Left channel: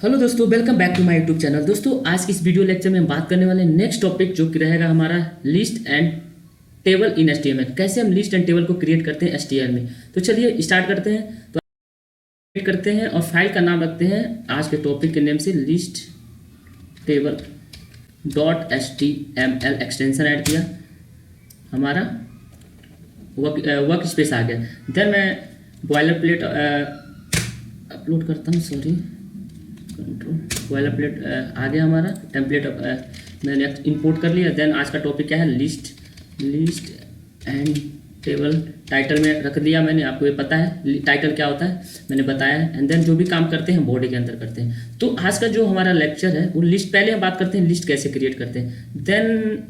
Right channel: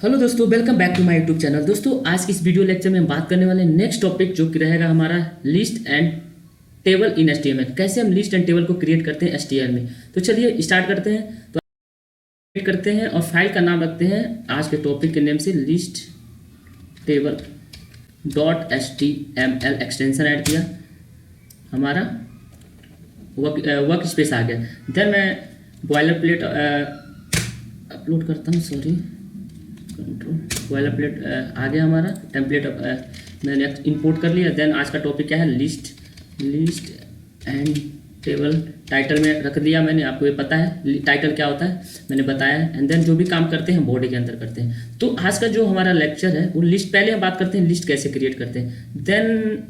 Hello दोस्तों, welcome back to my YouTube channel. दोस्तों, आज की इस वीडियो लेक्चर में हम बात करने वाले नेक्स्ट टॉपिक जो कि रहेगा हमारा list and table in HTML. कैसे हम लिस्ट एंड टेबल को क्रिएट करते हैं एचटीएमएल में। तो चलिए स्टार्ट करते हैं। तो क्रिएट करते हैं और फाइल का नाम रखते हैं आज के टॉपिक के नेम से list table dot HTML. Extension add किया, हमारा वर्क स्पेस आ गया। देन मैं बॉयलर प्लेट अपलोड करता हूँ, सॉरी, बॉयलर प्लेट आ गया हमारा टेम्पलेट। मैंने इंपोर्ट कर लिया। देन आज का टॉपिक क्या है, लिस्ट एंड टेबल। टाइटल में रख दिया मैंने, आपको ये पता है टाइटल क्या होता है, मैंने बताया है। एंड देन जो भी काम करते हैं बॉडी के अंदर करते हैं। तो आज का जो हमारा लेक्चर है वो लिस्ट, पहले हम बात करते हैं लिस्ट कैसे क्रिएट करते हैं। देन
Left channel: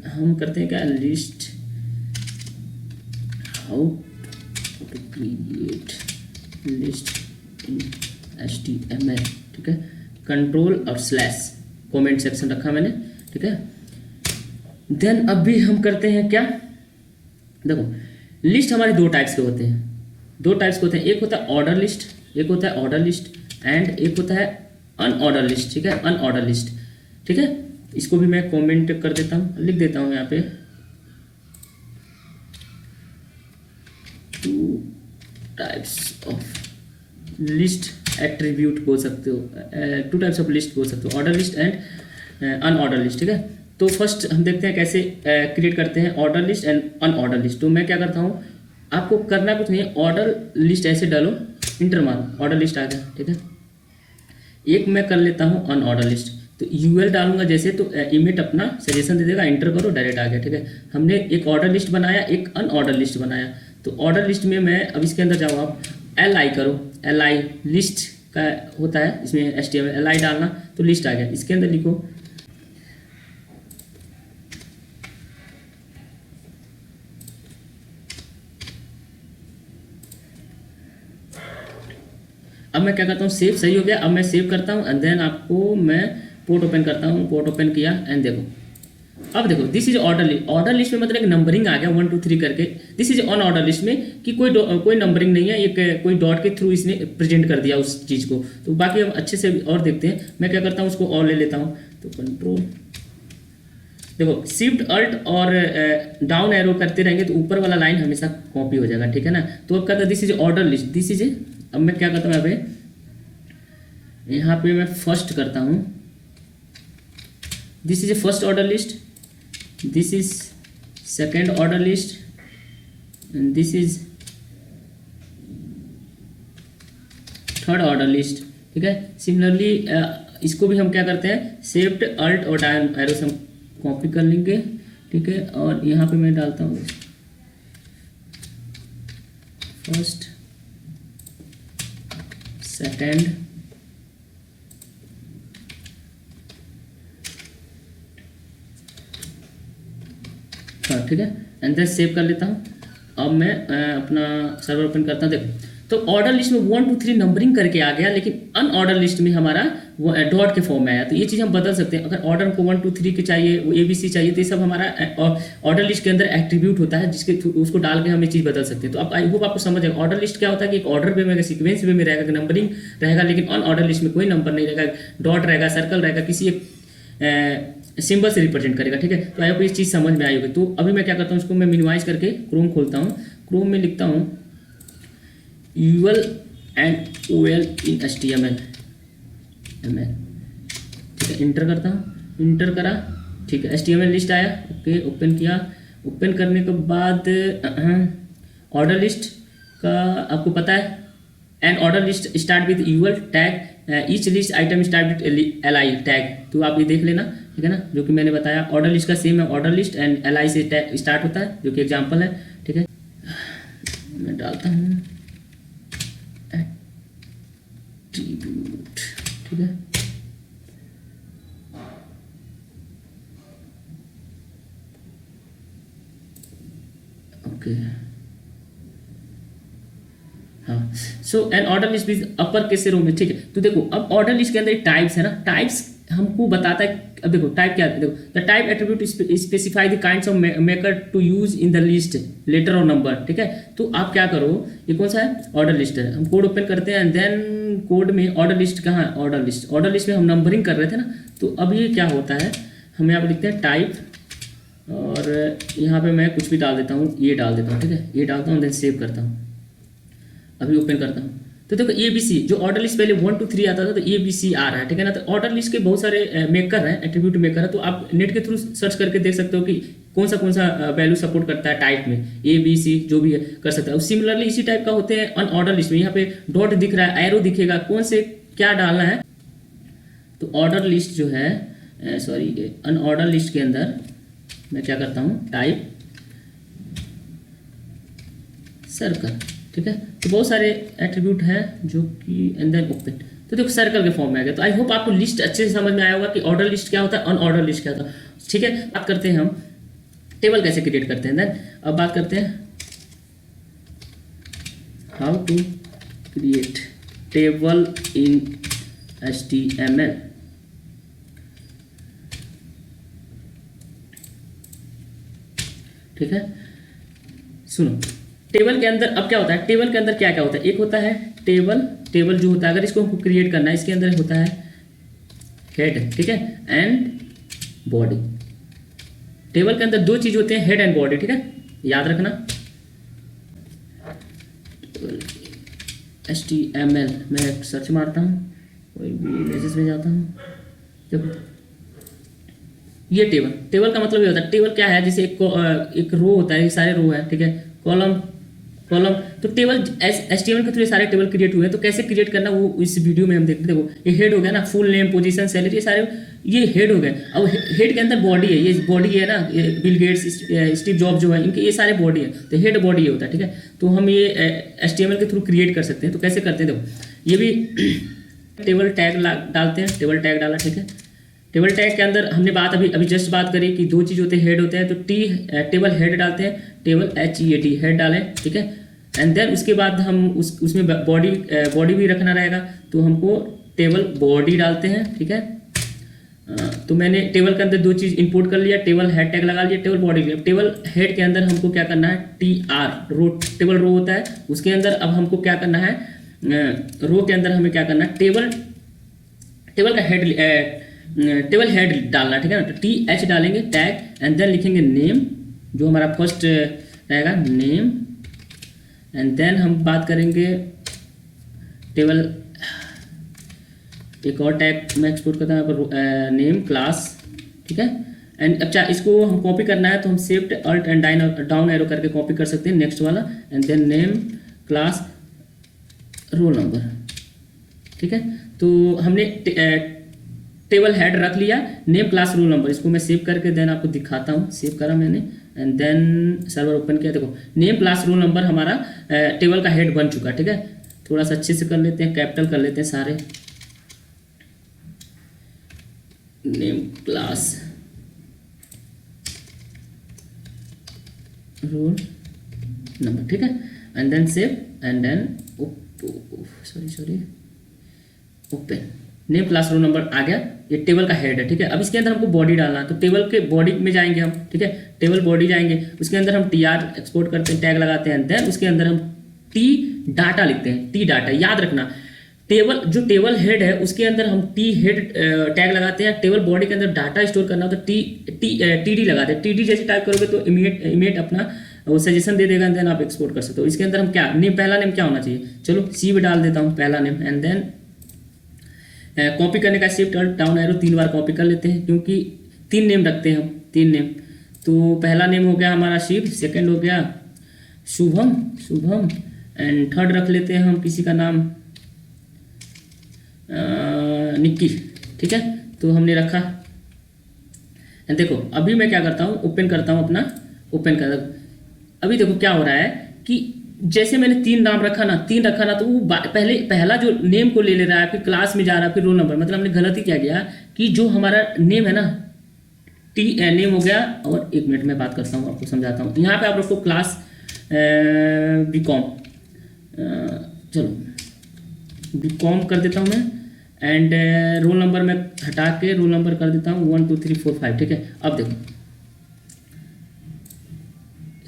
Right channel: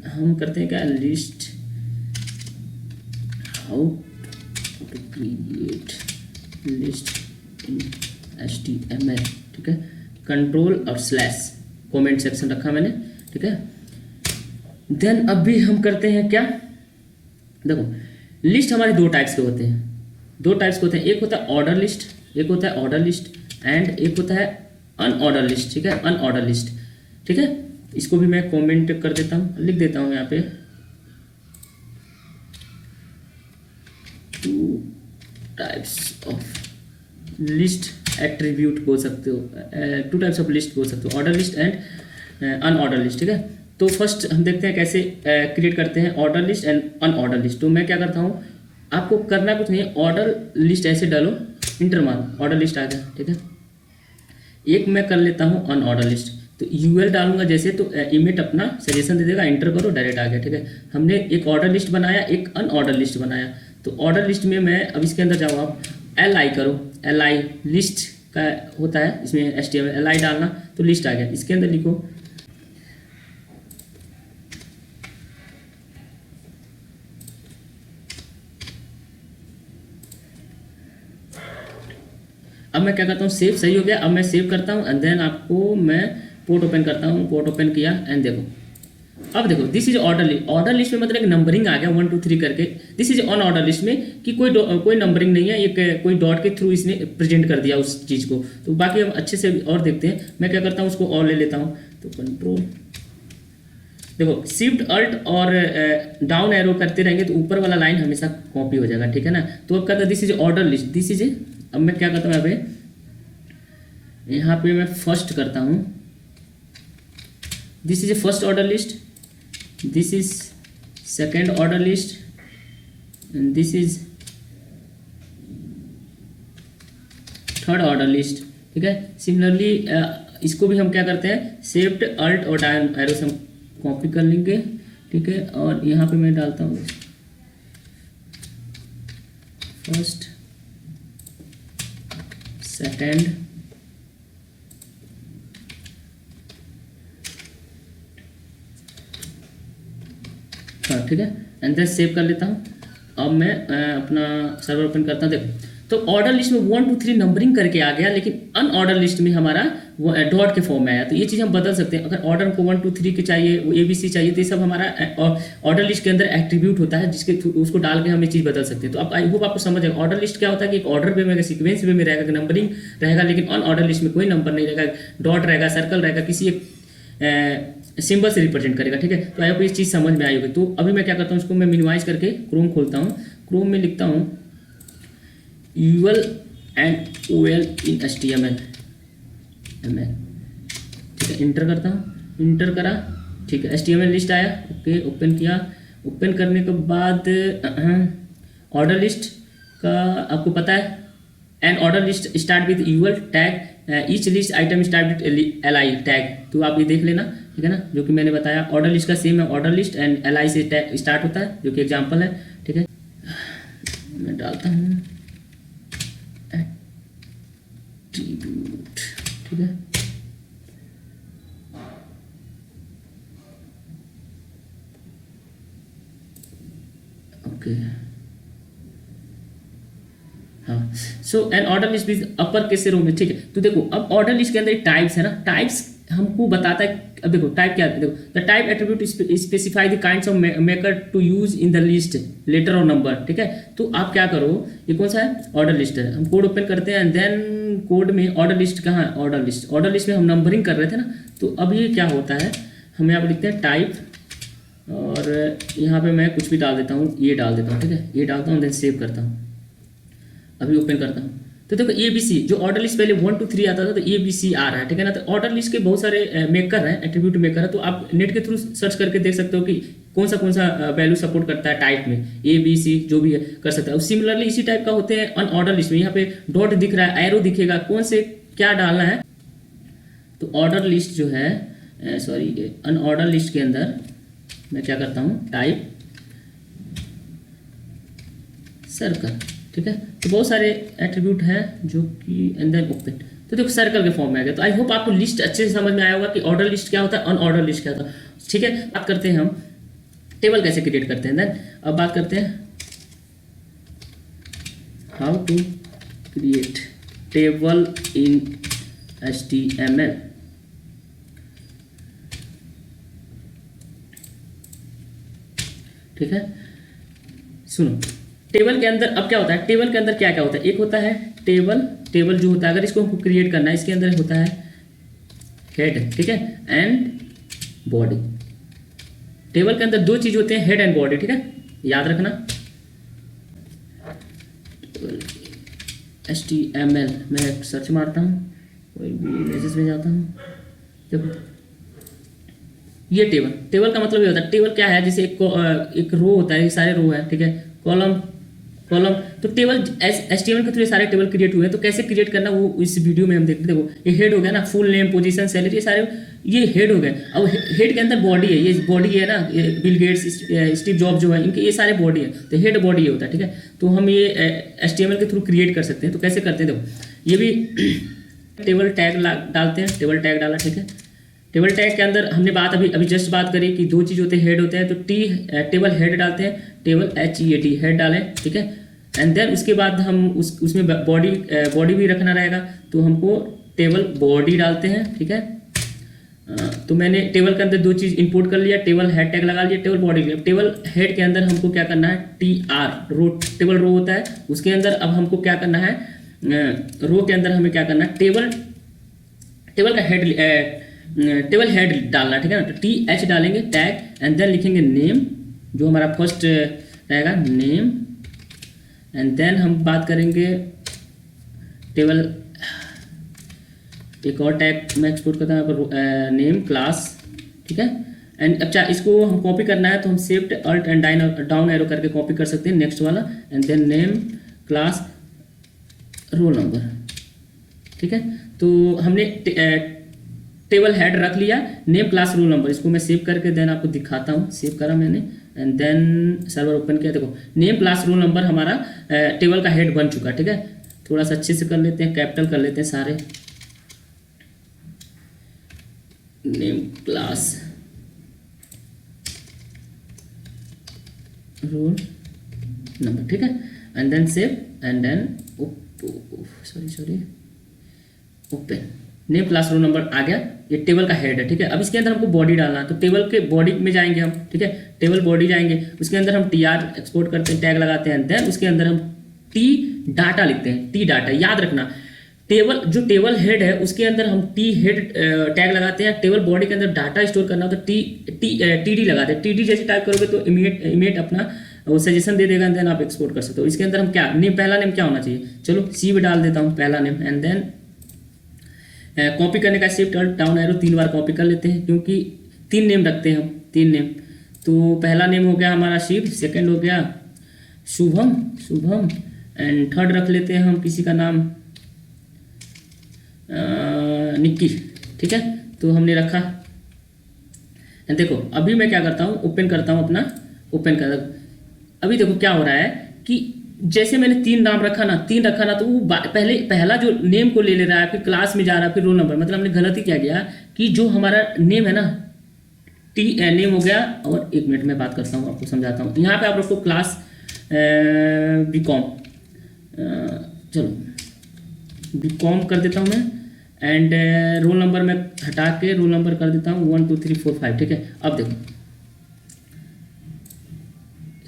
हम करते हैं क्या, list how to create list in HTML। ठीक है, कंट्रोल और स्लैश कमेंट सेक्शन रखा मैंने। ठीक है, देन अभी हम करते हैं क्या, देखो लिस्ट हमारे दो टाइप्स के होते हैं। एक होता है ऑर्डर लिस्ट, एंड एक होता है अनऑर्डर लिस्ट। ठीक है, अनऑर्डर लिस्ट। ठीक है, इसको भी मैं कमेंट कर देता हूँ, लिख देता हूँ यहाँ पे। Two types of list attribute बोल सकते हो, टू टाइप्स ऑफ लिस्ट बोल सकते हो, order list and unordered list. ठीक है, तो फर्स्ट हम देखते हैं कैसे क्रिएट करते हैं order list and unordered list. तो मैं क्या करता हूँ, आपको करना कुछ नहीं, ऑर्डर लिस्ट ऐसे डालो, इंटर मारो, ऑर्डर लिस्ट आ गया। ठीक है, एक मैं कर लेता हूँ अनऑर्डर लिस्ट। तो यूएल डालूंगा जैसे, तो इमेट अपना सजेशन दे देगा, एंटर करो, डायरेक्ट आ गया। ठीक है, हमने एक ऑर्डर लिस्ट बनाया, एक अनऑर्डर लिस्ट बनाया। तो ऑर्डर लिस्ट में मैं अब इसके अंदर जाऊँ, आप LI करो, LI लिस्ट का होता है इसमें HTML, LI डालना तो लिस्ट आ गया। इसके अंदर लिखो अब मैं क्या करता हूँ, सेव, सही हो गया। अब मैं सेव करता हूँ एंड देन आपको मैं पोर्ट ओपन करता हूँ। पोर्ट ओपन किया एंड देखो, अब देखो this is order list. Order list में मतलब एक नंबरिंग आ गया 1 2 3 करके। This is on order list में कि कोई नंबरिंग नहीं है, एक कोई डॉट के थ्रू इसने प्रेजेंट कर दिया उस चीज़ को। तो बाकी हम अच्छे से और देखते हैं। मैं क्या करता हूँ, उसको और ले लेता हूँ। तो कंट्रोल, देखो शिफ्ट अल्ट और डाउन एरो करते रहेंगे तो ऊपर वाला लाइन हमेशा कॉपी हो जाएगा। ठीक है ना, तो अब कहता है this is order list, this is. अब मैं क्या करता हूँ, यहाँ पे मैं फर्स्ट करता हूँ, this is a first order list, this is second order list, and this is third order list. ठीक है, सिमिलरली इसको भी हम क्या करते हैं, शिफ्ट अल्ट और डाउन एरो से कॉपी कर लेंगे। ठीक है, और यहाँ पे मैं डालता हूँ फर्स्ट, सेकेंड, ठीक है, एंड देन सेव कर लेता हूँ। अब मैं अपना सर्वर ओपन करता हूँ। तो ऑर्डर लिस्ट में 1 2 3 नंबरिंग करके आ गया, लेकिन अनऑर्डर लिस्ट में हमारा वो डॉट के फॉर्म में आया। तो ये चीज़ हम बदल सकते हैं। अगर ऑर्डर को 1 2 3 के चाहिए, वो ABC चाहिए, तो ये सब हमारा ऑर्डर लिस्ट के अंदर एट्रीब्यूट होता है, जिसके थ्रू उसको डाल के हम ये चीज़ बदल सकते हैं। तो अब आई होप आपको समझ आए ऑर्डर लिस्ट क्या होता है, कि एक ऑर्डर वे में सीक्वेंस वे में रहेगा, नंबरिंग रहेगा, लेकिन अनऑर्डर लिस्ट में कोई नंबर नहीं रहेगा, डॉट रहेगा, सर्कल रहेगा, किसी एक सिंबल से रिप्रेजेंट करेगा। ठीक है, तो आपको इस चीज़ समझ में आएगी। तो अभी मैं क्या करता हूँ, उसको मैं मिनिमाइज करके क्रोम खोलता हूँ। क्रोम में लिखता हूँ UL and OL in HTML। ठीक है, इंटर करता हूँ, इंटर करा। ठीक है, HTML लिस्ट आया। ओके, ओपन किया। ओपन करने के बाद ऑर्डर लिस्ट का आपको पता है, and order list start with UL tag, each list item start with LI tag. तो आप ये देख लेना। ठीक है ना, जो कि मैंने बताया ऑर्डर लिस्ट का सेम है, ऑर्डर लिस्ट एंड LI से टैग स्टार्ट होता है, जो कि एग्जांपल है। ठीक है, मैं डालता हूँ एट्रीब्यूट। ठीक है, ओके, हाँ। So an order list is upper case से रो में। ठीक है, तो देखो अब ऑर्डर लिस्ट के अंदर टाइप्स है ना, टाइप्स हमको बताता है अब देखो टाइप क्या है, देखो the type attribute specify the kinds of marker to use in the list letter और नंबर, ठीक है। तो आप क्या करो, ये कौन सा है, ऑर्डर लिस्ट है। हम कोड ओपन करते हैं एंड देन कोड में ऑर्डर लिस्ट कहाँ है, ऑर्डर लिस्ट में हम नंबरिंग कर रहे थे ना। तो अब ये क्या होता है, हम यहाँ पे लिखते हैं टाइप और यहाँ पे मैं कुछ भी डाल देता हूँ, ये डाल देता हूँ, ठीक है, ये डालता हूँ देन सेव करता हूँ। अभी ओपन करता हूँ तो देखो ABC जो ऑर्डर लिस्ट पहले 1 2 3 आता था तो ABC आ रहा है, ठीक है ना। तो ऑर्डर लिस्ट के बहुत सारे मेकर हैं, एट्रीब्यूट मेकर है। तो आप नेट के थ्रू सर्च करके देख सकते हो कि कौन सा वैल्यू सपोर्ट करता है टाइप में, ABC जो भी है कर सकता है। सिमिलरली इसी टाइप का होते हैं अनऑर्डर लिस्ट में। यहाँ पे डॉट दिख रहा है, एरो दिखेगा, कौन से क्या डालना है। तो ऑर्डर लिस्ट जो है सॉरी अनऑर्डर लिस्ट के अंदर मैं क्या करता हूँ, टाइप सर्कल, ठीक है। तो बहुत सारे एट्रीब्यूट है जो कि अंदर ओपन, तो देखो सर्कल के फॉर्म में आ गया। तो आई होप आपको लिस्ट अच्छे से समझ में आया होगा कि ऑर्डर लिस्ट क्या होता है, अनऑर्डर लिस्ट क्या होता है, ठीक है। बात करते हैं हम टेबल कैसे क्रिएट करते हैं। देन अब बात करते हैं how to create table in HTML। ठीक है, सुनो टेबल के अंदर अब क्या होता है, टेबल के अंदर क्या क्या होता है। एक होता है टेबल जो होता है, अगर इसको हमको क्रिएट करना है, इसके अंदर होता है हेड, ठीक है, एंड बॉडी। टेबल के अंदर दो चीज होते हैं, हेड एंड बॉडी, ठीक है, याद रखना। HTML मैं सर्च मारता हूँ, कोई भी इमेजेस में जाता हूँ। देखो ये टेबल का मतलब ये होता है, टेबल क्या है, जैसे एक रो होता है, ये सारे रो है, ठीक है, कॉलम। तो टेबल HTML के थ्रू सारे टेबल क्रिएट हुए हैं। तो कैसे क्रिएट करना वो इस वीडियो में हम देखते। देखो ये हेड हो गया ना, फुल नेम, पोजीशन, सैलरी, ये सारे ये हेड हो गए। अब हेड के अंदर बॉडी है, ये बॉडी है ना, ये बिल गेट्स, स्टीव जॉब जो है, इनके ये सारे बॉडी है। तो हेड बॉडी ये होता है, ठीक है। तो हम ये HTML के थ्रू क्रिएट कर सकते हैं। तो कैसे करते हैं, देखो ये भी टेबल टैग डालते हैं, टेबल टैग डाला, ठीक है। टेबल टैग के अंदर हमने अभी जस्ट बात करी कि दो चीज होते हैं, हेड होते हैं। तो टेबल हेड डालते हैं, टेबल HEAD हेड डालें, ठीक है। एंड देन उसके बाद हम उसमें बॉडी भी रखना रहेगा, तो हमको टेबल बॉडी डालते हैं, ठीक है। तो मैंने टेबल के अंदर दो चीज इंपोर्ट कर लिया, टेबल हेड टैग लगा लिया, टेबल बॉडी लिया। टेबल हेड के अंदर हमको क्या करना है, TR रो, टेबल रो होता है, उसके अंदर अब हमको क्या करना है, रो के अंदर हमें क्या करना है, टेबल का हेड, टेबल हेड डालना, ठीक है ना। तो TH डालेंगे टैग एंड देन लिखेंगे नेम, जो हमारा फर्स्ट रहेगा नेम। एंड देन हम बात करेंगे टेबल, एक और टैग मैं एक्सपोर्ट करता हूँ नेम क्लास, ठीक है। एंड अब इसको हम कॉपी करना है तो हम shift alt and down arrow करके कॉपी कर सकते हैं, नेक्स्ट वाला। And then name class roll number, ठीक है। तो हमने टेबल हेड रख लिया, नेम क्लास रोल नंबर। इसको मैं सेव करके देन आपको दिखाता हूँ, सेव करा मैंने एंड देन सर्वर ओपन किया। देखो नेम क्लास रोल नंबर हमारा टेबल का हेड बन चुका, ठीक है। थोड़ा सा अच्छे से कर लेते हैं, कैपिटल कर लेते हैं सारे, नेम क्लास रोल नंबर, ठीक है। And then save and then sorry open, name class roll number आ गया, ये टेबल का हेड है, ठीक है। अब इसके अंदर हमको बॉडी डालना है, तो टेबल के बॉडी में जाएंगे हम, ठीक है, टेबल बॉडी जाएंगे, उसके अंदर हम TR एक्सपोर्ट करते हैं, टैग लगाते हैं, देन उसके अंदर हम T डाटा लिखते हैं, T डाटा याद रखना। जो टेबल हेड है उसके अंदर हम T हेड टैग लगाते हैं, टेबल बॉडी के अंदर डाटा स्टोर करना हो तो TD लगाते हैं। TD जैसे टाइप करोगे तो इमीडिएट अपना वो सजेशन दे देगा, देन आप एक्सपोर्ट कर सकते हो। इसके अंदर हम क्या नेम, पहला नेम क्या होना चाहिए, चलो C में डाल देता हूँ पहला नेम। एंड देन कॉपी करने का शिफ्ट अल्ट डाउन एरो 3 बार कॉपी कर लेते हैं, क्योंकि 3 नेम रखते हैं हम, 3 नेम। तो पहला नेम हो गया हमारा शिव, सेकंड हो गया शुभम एंड थर्ड रख लेते हैं हम किसी का नाम निक्की, ठीक है। तो हमने रखा। देखो अभी मैं क्या करता हूँ, ओपन करता हूँ अपना, ओपन कर। अभी देखो क्या हो रहा है कि जैसे मैंने 3 नाम रखा ना, तो वो पहला जो नेम को ले रहा है, फिर क्लास में जा रहा है, फिर रोल नंबर। मतलब हमने गलत ही कह दिया कि जो हमारा नेम है ना, नेम हो गया। और एक मिनट में बात करता हूँ, आपको समझाता हूँ। यहाँ पे आप रखो क्लास BCom, चलो BCom कर देता हूँ मैं। एंड रोल नंबर मैं हटा के रोल नंबर कर देता हूँ 1 2 3 4 5। ठीक है, अब देखो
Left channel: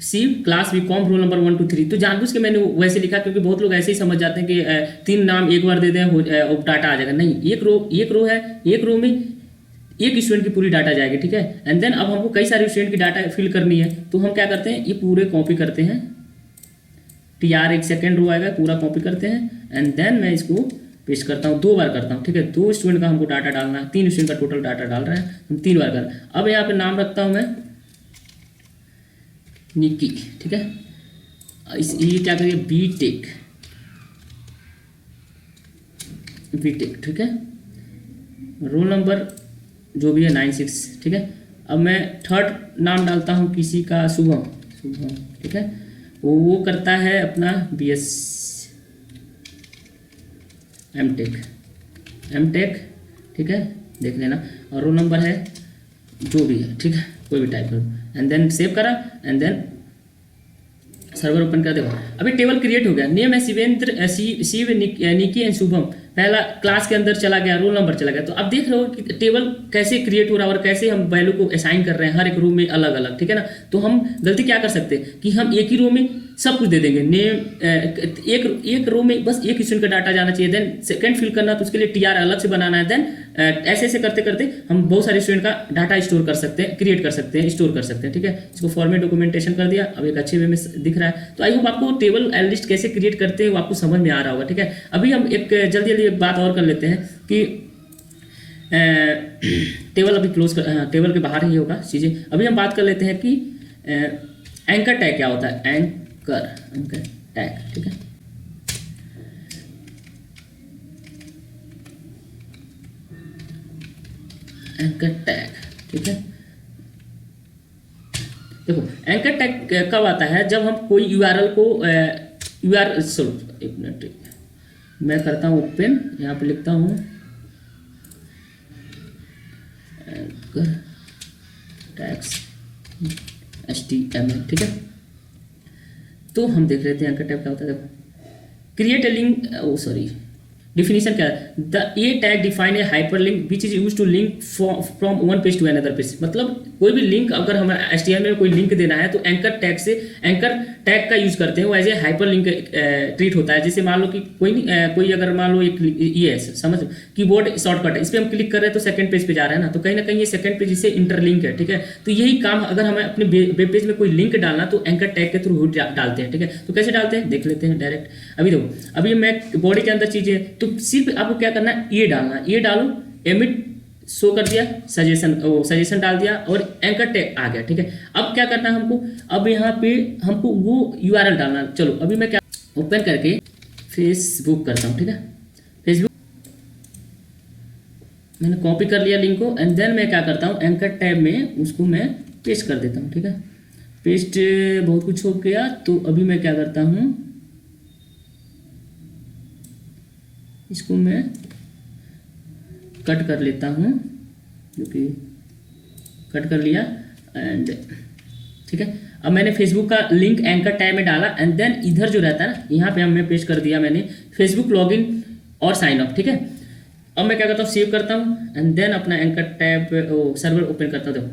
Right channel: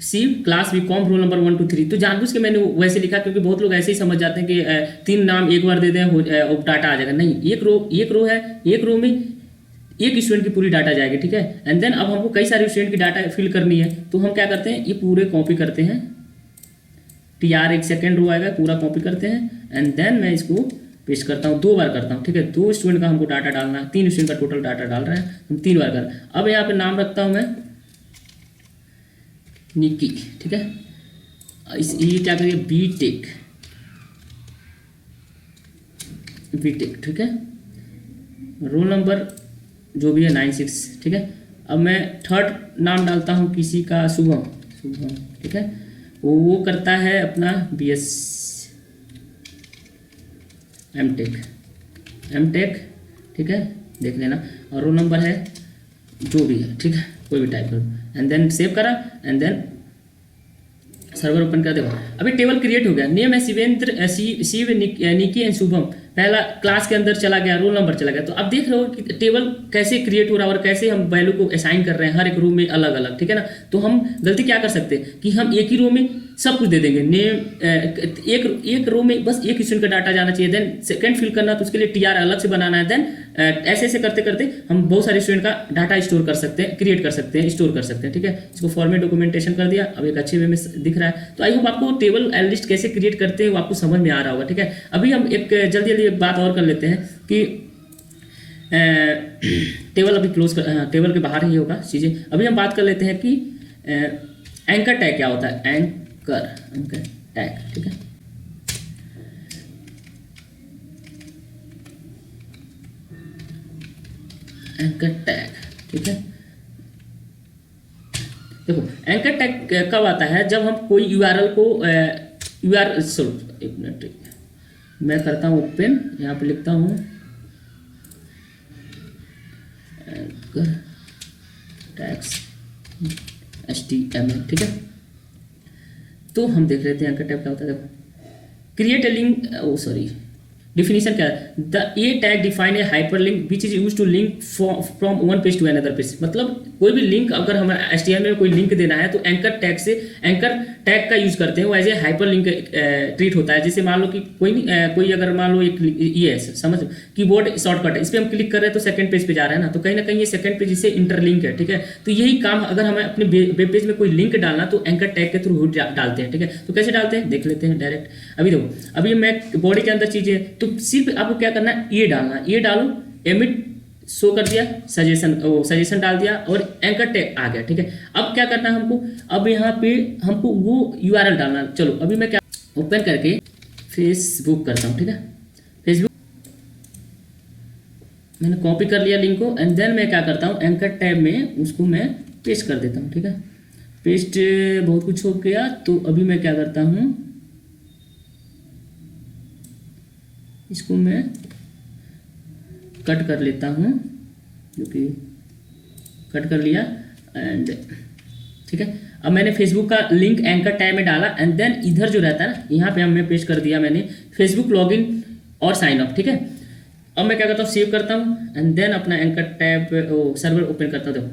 सी क्लास बीकॉम रोल नंबर 1 2 3। तो जानबूझ के मैंने वैसे लिखा क्योंकि बहुत लोग ऐसे ही समझ जाते हैं कि 3 नाम एक बार दे दें और डाटा आ जाएगा। नहीं, एक रो है, एक रो में एक स्टूडेंट की पूरी डाटा जाएगी। ठीक है, एंड देन अब हमको कई सारे स्टूडेंट की डाटा फिल करनी है, तो हम क्या करते हैं, ये पूरे कॉपी करते हैं। TR एक सेकेंड रो आएगा, पूरा कॉपी करते हैं एंड देन मैं इसको पेस्ट करता हूँ, 2 बार करता हूँ। ठीक है, 2 स्टूडेंट का हमको डाटा डालना है, 3 स्टूडेंट का टोटल डाटा डाल रहे हैं, हम 3 बार करना। अब यहाँ पे नाम रखता हूँ मैं निकी। ठीक है, ये क्या करिए, बीटेक। ठीक है, रोल नंबर जो भी है 96। ठीक है, अब मैं थर्ड नाम डालता हूँ किसी का, शुभम। ठीक है, वो करता है अपना BS एमटेक। ठीक है, देख लेना, और रोल नंबर है जो भी है। ठीक है, कोई भी टाइप करो एंड देन सेव करा एंड देन सर्वर ओपन कर देगा। अभी टेबल क्रिएट हो गया। नेम है शिवेंद्र, शिव, निकी एंड शुभम। पहला क्लास के अंदर चला गया, रोल नंबर चला गया। तो अब देख रहे हो कि टेबल कैसे क्रिएट हो रहा है और कैसे हम वैल्यू को असाइन कर रहे हैं हर एक रो में अलग अलग। ठीक है ना, तो हम गलती क्या कर सकते हैं कि हम एक ही रो में सब कुछ दे देंगे। नेम एक रो में बस एक स्टूडेंट का डाटा जाना चाहिए, देन सेकंड फिल करना तो उसके लिए TR अलग से बनाना है। देन ऐसे ऐसे करते करते हम बहुत सारे स्टूडेंट का डाटा स्टोर कर सकते हैं, क्रिएट कर सकते हैं, स्टोर कर सकते हैं। ठीक है, इसको फॉर्मेट डॉक्यूमेंटेशन कर दिया, अब एक अच्छे वे में दिख रहा है। तो आइए आपको टेबल एंड लिस्ट कैसे क्रिएट करते हैं वो आपको समझ में आ रहा होगा। ठीक है, अभी हम एक जल्दी जल्दी एक बात और कर लेते हैं कि टेबल अभी क्लोज कर, टेबल के बाहर ही होगा चीज़ें। अभी हम बात कर लेते हैं कि एंकर टैग क्या होता है। Anchor tag. ठीक है, एंकर टैग। ठीक है, देखो एंकर टैग कब आता है, जब हम कोई URL को एक मिनट मैं करता हूँ ओपन, यहाँ पे लिखता हूँ HTML। ठीक है, तो हम देख लेते हैं एंकर टैग क्या होता है। Create a link, sorry, definition क्या है, the a tag define a hyperlink which is use to link from one page to another page. मतलब कोई भी लिंक अगर हमें HTML में कोई लिंक देना है तो एंकर टैग का यूज करते हैं, वो एज ए हाइपर लिंक ट्रीट होता है। जैसे मान लो कि कोई अगर मान लो एक ये है, समझ, कीबोर्ड शॉर्टकट है, इस पर हम क्लिक कर रहे हैं तो सेकंड पेज पे जा रहे हैं ना, तो कहीं ना कहीं ये सेकंड पेज इससे इंटरलिंक है। ठीक है, तो यही काम अगर हमें अपने वेब पेज में कोई लिंक डालना तो एंकर टैग के थ्रू डालते हैं। ठीक है, तो कैसे डालते हैं देख लेते हैं डायरेक्ट। अभी देखो, अभी मैं बॉडी के अंदर चीजें, तो सिर्फ आपको क्या करना है, ये डालना, ये डालो, एमिट शो कर दिया, सजेशन डाल दिया और एंकर टैग आ गया। ठीक है, अब क्या करना है हमको, अब यहाँ पे हमको वो URL डालना। चलो अभी मैं क्या ओपन करके फेसबुक करता हूँ। ठीक है, फेसबुक मैंने कॉपी कर लिया लिंक को एंड देन मैं क्या करता हूँ, एंकर टैब में उसको मैं पेस्ट कर देता हूँ। ठीक है, पेस्ट बहुत कुछ हो गया, तो अभी मैं क्या करता हूँ, इसको मैं कट कर लेता हूँ। ओके, कट कर लिया एंड ठीक है, अब मैंने फेसबुक का लिंक एंकर टैब में डाला एंड देन इधर जो रहता है ना, यहाँ पे हमने पेस्ट कर दिया मैंने फेसबुक लॉगिन और साइन अप। ठीक है, अब मैं क्या करता हूँ, सेव करता हूँ एंड देन अपना एंकर टैब सर्वर ओपन करता हूँ। देखो,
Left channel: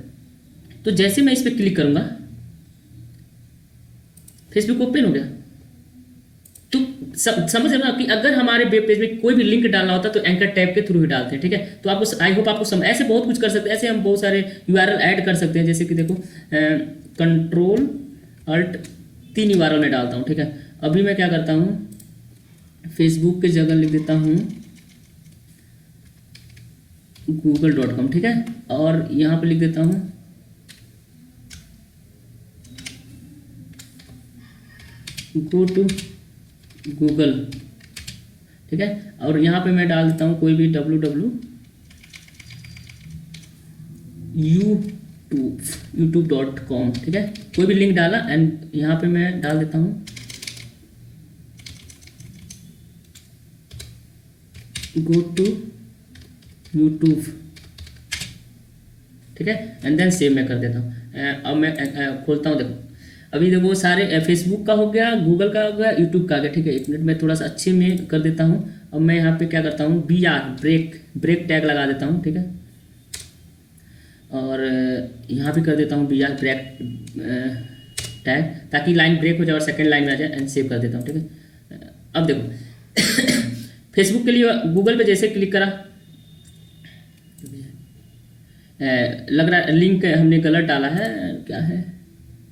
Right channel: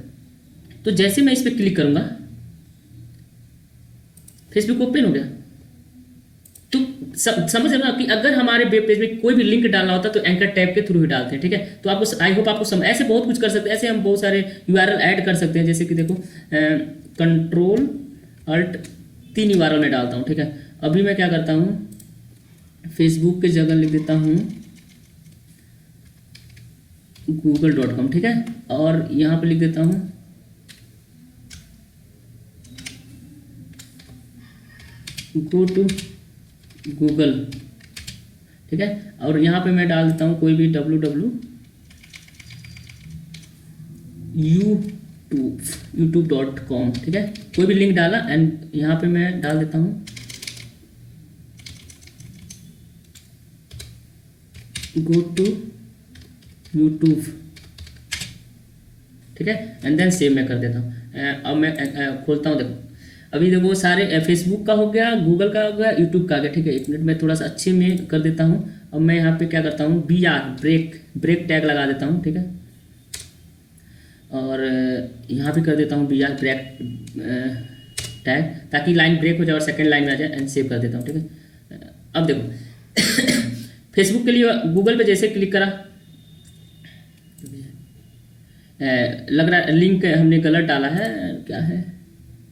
तो जैसे मैं इस पर क्लिक करूंगा फेसबुक ओपन हो गया। तो समझ रहे हो कि अगर हमारे वेब पेज में कोई भी लिंक डालना होता है तो एंकर टैब के थ्रू ही डालते हैं। ठीक है, तो आपको आई होप आपको समझ, ऐसे बहुत कुछ कर सकते हैं, ऐसे हम बहुत सारे URL ऐड कर सकते हैं। जैसे कि देखो कंट्रोल अल्ट 3 URL में डालता हूँ। ठीक है, अभी मैं क्या करता हूँ, फेसबुक के जगह लिख देता हूँ google.com। ठीक है, और यहाँ पे लिख देता हूँ गो टू गूगल। ठीक है, और यहाँ पे मैं डाल देता हूँ कोई भी youtube.com। ठीक है, कोई भी लिंक डाला एंड यहाँ पे मैं डाल देता हूँ गो टू यूट्यूब। ठीक है, एंड देन सेव मैं कर देता हूँ। अब मैं खोलता हूँ, देखो अभी देखो वो सारे फेसबुक का हो गया, गूगल का हो गया, यूट्यूब का हो गया। ठीक है, एक मिनट मैं थोड़ा सा अच्छे में कर देता हूँ अब मैं यहाँ पे क्या करता हूँ, B R break break tag लगा देता हूँ, ठीक है। और यहाँ पे कर देता हूँ बी आर ब्रेक टैग, ताकि लाइन ब्रेक हो जाए और सेकंड लाइन आ जाए, एंड सेव कर देता हूँ, ठीक है। अब देखो फेसबुक के लिए गूगल पे जैसे क्लिक करा, लग रहा है लिंक हमने गलत डाला है, क्या है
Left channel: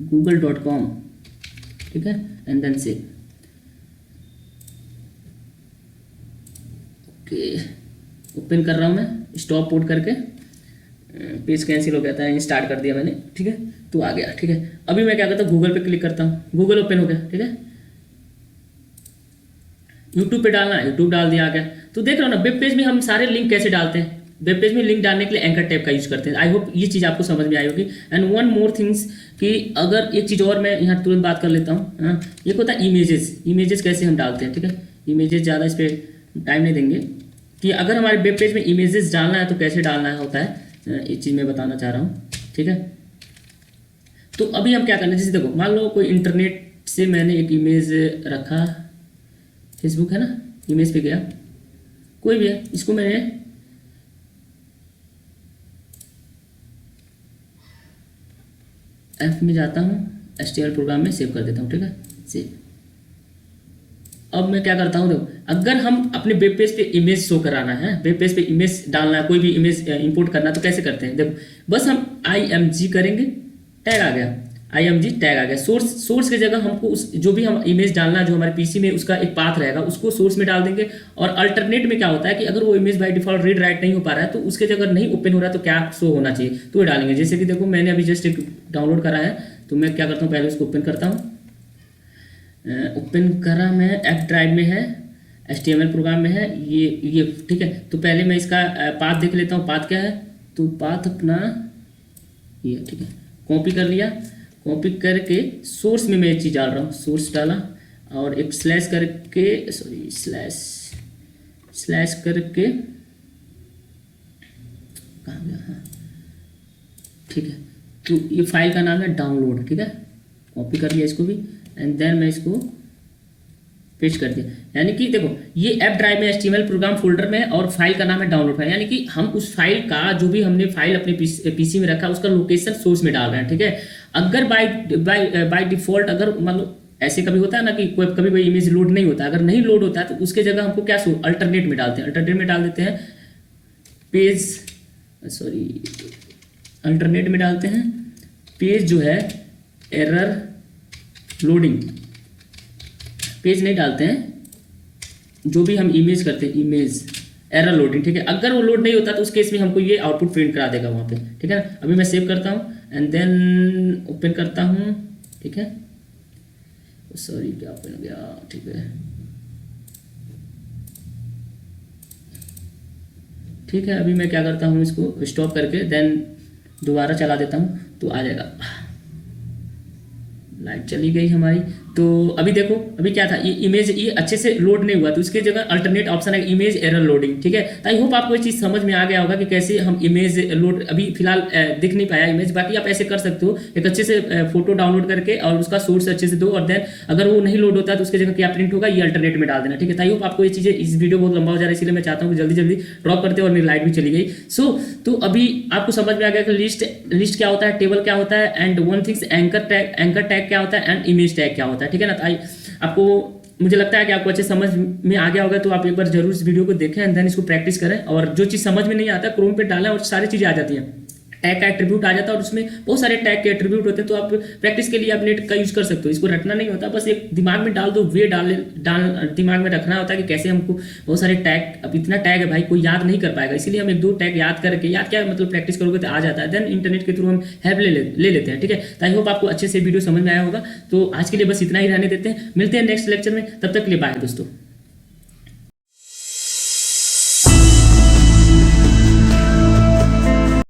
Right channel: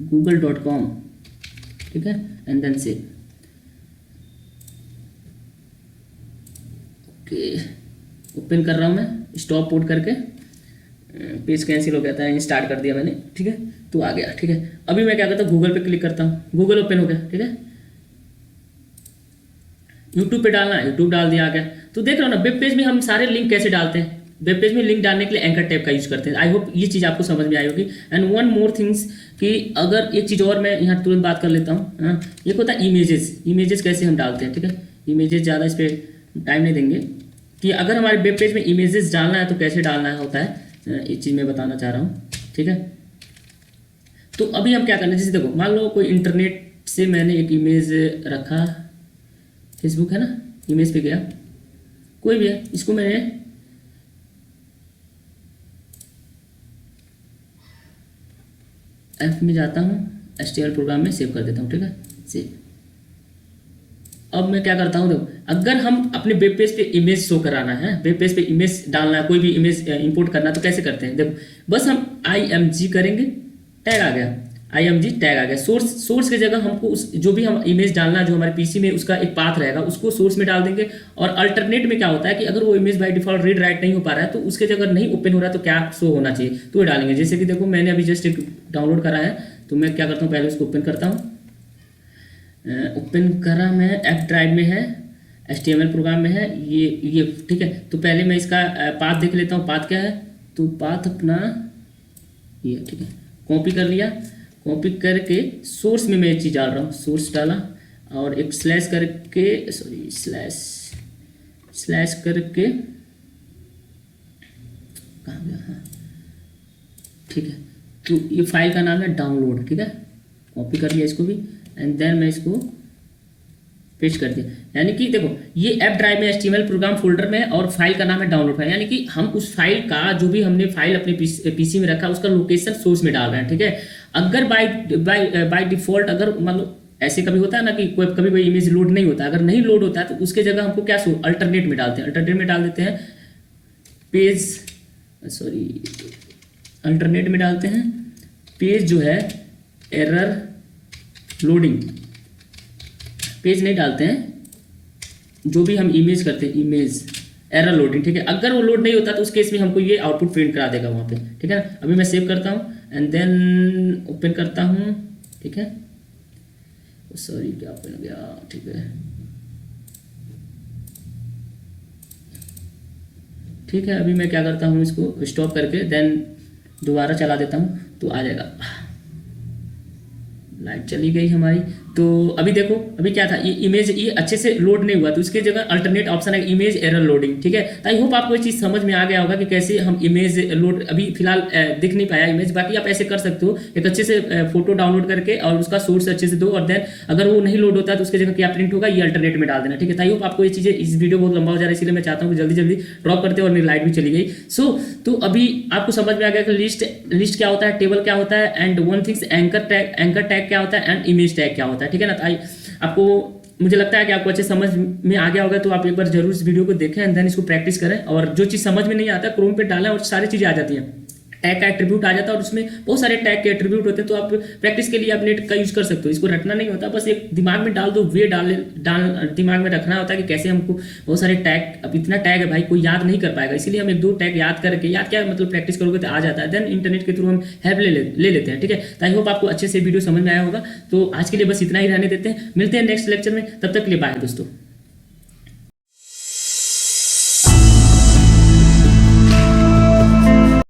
google.com, ठीक है, एंड देन से ओके ओपन कर रहा हूँ मैं, स्टॉप पोर्ट करके पेज कैंसिल हो गया था, ये स्टार्ट कर दिया मैंने, ठीक है। तो आ गया, ठीक है। अभी मैं क्या करता हूँ, गूगल पे क्लिक करता हूँ, गूगल ओपन हो गया, ठीक है। यूट्यूब पे डालना है, यूट्यूब डाल दिया, आ गया। तो देख रहे हो ना, वेब पेज में हम सारे लिंक कैसे डालते हैं। वेब पेज में लिंक डालने के लिए एंकर टैब का यूज करते हैं। आई होप ये चीज़ आपको समझ में आई होगी। एंड वन मोर थिंग्स कि अगर एक चीज़ और मैं यहाँ तुरंत बात कर लेता हूँ, ये होता है इमेजेस। इमेजेस कैसे हम डालते हैं, ठीक है। इमेजेस ज़्यादा इस पर टाइम नहीं देंगे कि अगर हमारे वेब पेज में इमेजेस डालना है तो कैसे डालना होता है, ये चीज़ मैं बताना चाह रहा हूँ, ठीक है। तो अभी हम क्या करना है, जैसे देखो मान लो कोई इंटरनेट से मैंने एक इमेज रखा, फेसबुक है ना, इमेज पे गया, कोई भी है, इसको मैंने ऐप में जाता हूँ, HTML प्रोग्राम में सेव कर देता हूँ, ठीक है, सेव। अब मैं क्या करता हूँ, देखो अगर हम अपने वेब पेज पे इमेज शो कराना है, वेब पेज पे इमेज डालना है, कोई भी इमेज इंपोर्ट करना है, तो कैसे करते हैं, देखो बस हम IMG करेंगे, टैग आ गया, IMG टैग आ गया। सोर्स की जगह हमको उस जो भी हम इमेज डालना है, जो हमारे पीसी में उसका एक पाथ रहेगा, उसको सोर्स में डाल देंगे। और अल्टरनेट में क्या होता है कि अगर वो image by default read write नहीं हो पा रहा है, तो उसके जगह नहीं ओपन हो रहा है, तो क्या शो होना चाहिए, तो वो डालेंगे। जैसे कि देखो मैंने अभी जस्ट एक डाउनलोड करा है, तो मैं क्या करता हूँ, पहले उसको ओपन करता हूँ। ओपन करा मैं, एफ ड्राइव में है, HTML प्रोग्राम में है, ये ठीक है। तो पहले मैं इसका पाथ देख लेता हूँ, पाथ क्या है, तो पाथ अपना ये, ठीक है, कॉपी कर लिया। कॉपी करके सोर्स में मैं ये चीज़ डाल रहा हूँ, सोर्स डाला और एक स्लैश करके, सॉरी स्लैश करके कहाँ गया है, ठीक है। तो ये फाइल का नाम है डाउनलोड, ठीक है, कॉपी कर लिया इसको भी, एंड देन मैं इसको पेस्ट कर दिया। यानी कि देखो ये ऐप ड्राइव में HTML प्रोग्राम फोल्डर में है और फाइल का नाम है डाउनलोड फाइल, यानी कि हम उस फाइल का जो भी हमने फाइल अपने पीसी में रखा उसका लोकेशन सोर्स में डाल रहे हैं, ठीक है। अगर बाय डिफॉल्ट अगर मतलब ऐसे कभी होता है ना कि कभी कोई इमेज लोड नहीं होता, अगर नहीं लोड होता है तो उसके जगह हमको क्या अल्टरनेट में डालते हैं, अल्टरनेट में डाल देते हैं पेज, सॉरी अल्टरनेट में डालते हैं पेज जो है एरर लोडिंग, पेज नहीं डालते हैं, जो भी हम इमेज करते हैं इमेज एरर लोडिंग, ठीक है। अगर वो लोड नहीं होता तो उस केस में हमको ये आउटपुट प्रिंट करा देगा वहाँ पे, ठीक है। अभी मैं सेव करता हूँ एंड देन ओपन करता हूँ, ठीक है, सॉरी क्या ओपन हो गया, ठीक है, ठीक है। अभी मैं क्या करता हूँ, इसको स्टॉप करके देन दोबारा चला देता हूँ, तो आ जाएगा। लाइट चली गई हमारी। तो अभी देखो अभी क्या था, ये इमेज ये अच्छे से लोड नहीं हुआ, तो इसके जगह अल्टरनेट ऑप्शन है इमेज एरर लोडिंग, ठीक है। आई होप आपको ये चीज़ समझ में आ गया होगा कि कैसे हम इमेज लोड, अभी फिलहाल दिख नहीं पाया इमेज, बाकी आप ऐसे कर सकते हो, एक अच्छे से फोटो डाउनलोड करके और उसका सोर्स अच्छे से दो, और देन अगर वो नहीं लोड होता तो उसके जगह क्या प्रिंट होगा, ये अल्टरनेट में डाल देना, ठीक है। आई होप आपको ये चीज़ें, इस वीडियो बहुत लंबा हो जा रहा है इसलिए मैं चाहता हूँ कि जल्दी जल्दी ड्रॉप करते और मेरी लाइट भी चली गई। तो अभी आपको समझ में आ गया कि लिस्ट क्या होता है, टेबल क्या होता है, and one things anchor tag क्या होता है, एंड इमेज टैग क्या होता है, ठीक है ना। आपको मुझे लगता है कि आपको अच्छे समझ में आ गया होगा, तो आप एक बार जरूर इस वीडियो को देखें एंड देन इसको प्रैक्टिस करें। और जो चीज़ समझ में नहीं आता क्रोम पे डालें और सारी चीज़ें आ जाती हैं, टैग का एट्रीब्यूट आ जाता है और उसमें बहुत सारे टैग के एट्रीब्यूट होते हैं, तो आप प्रैक्टिस के लिए आप नेट का यूज कर सकते हो। इसको रटना नहीं होता, बस एक दिमाग में डाल दो, वे डाल दिमाग में रखना होता है कि कैसे हमको बहुत सारे टैग, अब इतना टैग है भाई कोई याद नहीं कर पाएगा, इसीलिए हम एक दो टैग याद करके, याद क्या मतलब प्रैक्टिस करोगे तो आ जाता है, देन इंटरनेट के थ्रू हम हेल्प ले लेते हैं, ठीक है। आई होप आपको अच्छे से वीडियो समझ में आया होगा। तो आज के लिए बस इतना ही रहने देते हैं, मिलते हैं नेक्स्ट लेक्चर में, तब तक के लिए बाय दोस्तों।